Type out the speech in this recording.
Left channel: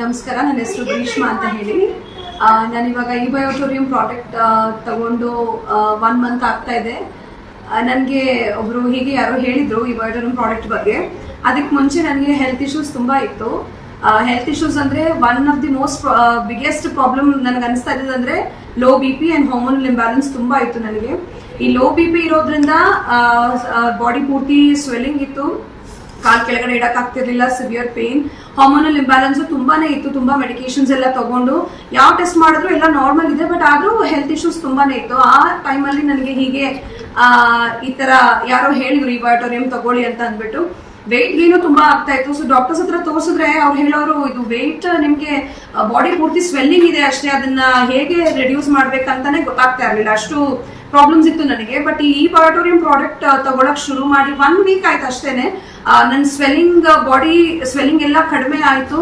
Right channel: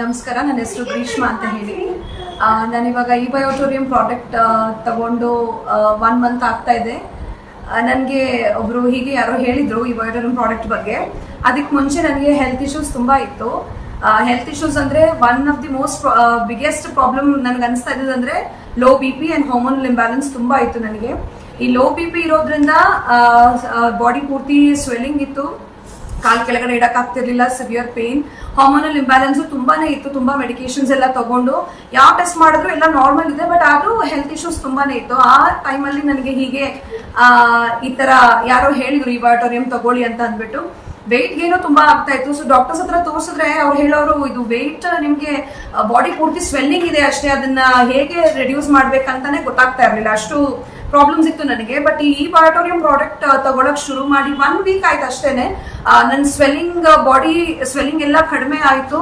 ನಮಸ್ಕಾರ, ನನ್ನ ಹೆಸರು ಗ್ರೀಷ್ಮಾ ಅಂತ ಹೇಳಿ. ನಾನಿವಾಗ ಈ ಬಯೋಟೋರಿಯಂ ಪ್ರಾಡಕ್ಟ್ ತಗೊಂಡು 1 ಮಂತ್ ಆಗ್ತಾ ಇದೆ. ನನಗೆ ಒಬ್ರು ಹೀಗೆ ಯಾರೋ ಹೇಳಿದ್ರು ಈ ಬಯೋಟೋರಿಯಂ ಪ್ರಾಡಕ್ಟ್ ಬಗ್ಗೆ. ಅದಕ್ಕೆ ಮುಂಚೆ ನನಗೆ ಹೆಲ್ತ್ ಇಶ್ಯೂಸ್ ತುಂಬಾ ಇತ್ತು. ಹೆಲ್ತ್ ಇಶ್ಯೂಸ್ ಅಂದ್ರೆ one of the most biggest problem ನನಗೆ ಅನಿಸ್ತಾ ಇದ್ದದ್ದು ಅಂದ್ರೆ low BP and hormonal imbalance ತುಂಬಾ ಇತ್ತು ನನಗೆ. ಈ ಲೋ BP ಇರೋದ್ರಿಂದ ಬಾಡಿ ಪೂರ್ತಿ ಸ್ವೆಲ್ಲಿಂಗ್ ಇತ್ತು, ಕಾಲ್ ಕೆಳಗಡೆ ಇಡಕ್ ಆಗ್ತಿರ್ಲಿಲ್ಲ, ಸಿವಿಯರ್ ಪೇನ್, ಹಾರ್ಮೋನಲ್ ಇಂಬ್ಯಾಲೆನ್ಸ್ ತುಂಬಾನೇ ಇತ್ತು. ತುಂಬಾ ಮೆಡಿಕೇಶನ್ಸ್ ಎಲ್ಲ ತಗೊಂಡು ಯಾವ ಟೆಸ್ಟ್ ಮಾಡಿದ್ರು ಎಲ್ಲ ನಾರ್ಮಲ್ ಇದೆ, ಬಟ್ ಆದ್ರೂ ಹೆಲ್ತ್ ಇಶ್ಯೂಸ್ ತುಂಬಾನೇ ಇತ್ತು. ಆ ಟೈಮಲ್ಲಿ ನನಗೆ ಹೀಗೆ ಈ ತರ ಯಾರೋ ಹೇಳಿದ್ರು ಈ ಬಯೋಟೋರಿಯಂ ತಗೊಳ್ಳಿ ಅಂತ ಅಂದ್ಬಿಟ್ಟು. ವೆಯ್ಟ್ ಗೇನು ತುಂಬಾ ಆಗ್ತಾ ಇತ್ತು. ಸೊ ಡಾಕ್ಟರ್ಸ್ ಹತ್ರ ತೋರಿಸಿದ್ರೆ ಅವ್ರು ಹೇಳೋರು ಇದು ವೆಯ್ಟ್ ನಿಮ್ಗೆ ಬಾಡಿ ಪೂರ್ತಿ ಸ್ವೆಲ್ಲಿಂಗ್ ಇದೆ ಅಷ್ಟೇ, ಅದನ್ನ ಹೇಗೆ ರೆಡ್ಯೂಸ್ ಮಾಡ್ಬೇಕಂತಾನೆ ಗೊತ್ತಾಗ್ತಾ ಇರ್ಲಿಲ್ಲ, ಅಷ್ಟು ಪ್ರಾಬ್ಲಮ್ಸ್ ಇತ್ತು ನನಗೆ. ಬಟ್ ಈ ಬಯೋಟೋರಿಯಂ ಪ್ರಾಡಕ್ಟ್ ತಗೊಳಕ್ ಶುರು ಮಾಡಿ 1 ವೀಕ್ ಆಯ್ತು ಅಷ್ಟೇನೆ. ನನ್ನ ಬಾಡಿ ಸ್ವೆಲ್ಲಿಂಗ್ ಎಲ್ಲ ಕಡಿಮೆ ಆಯ್ತು.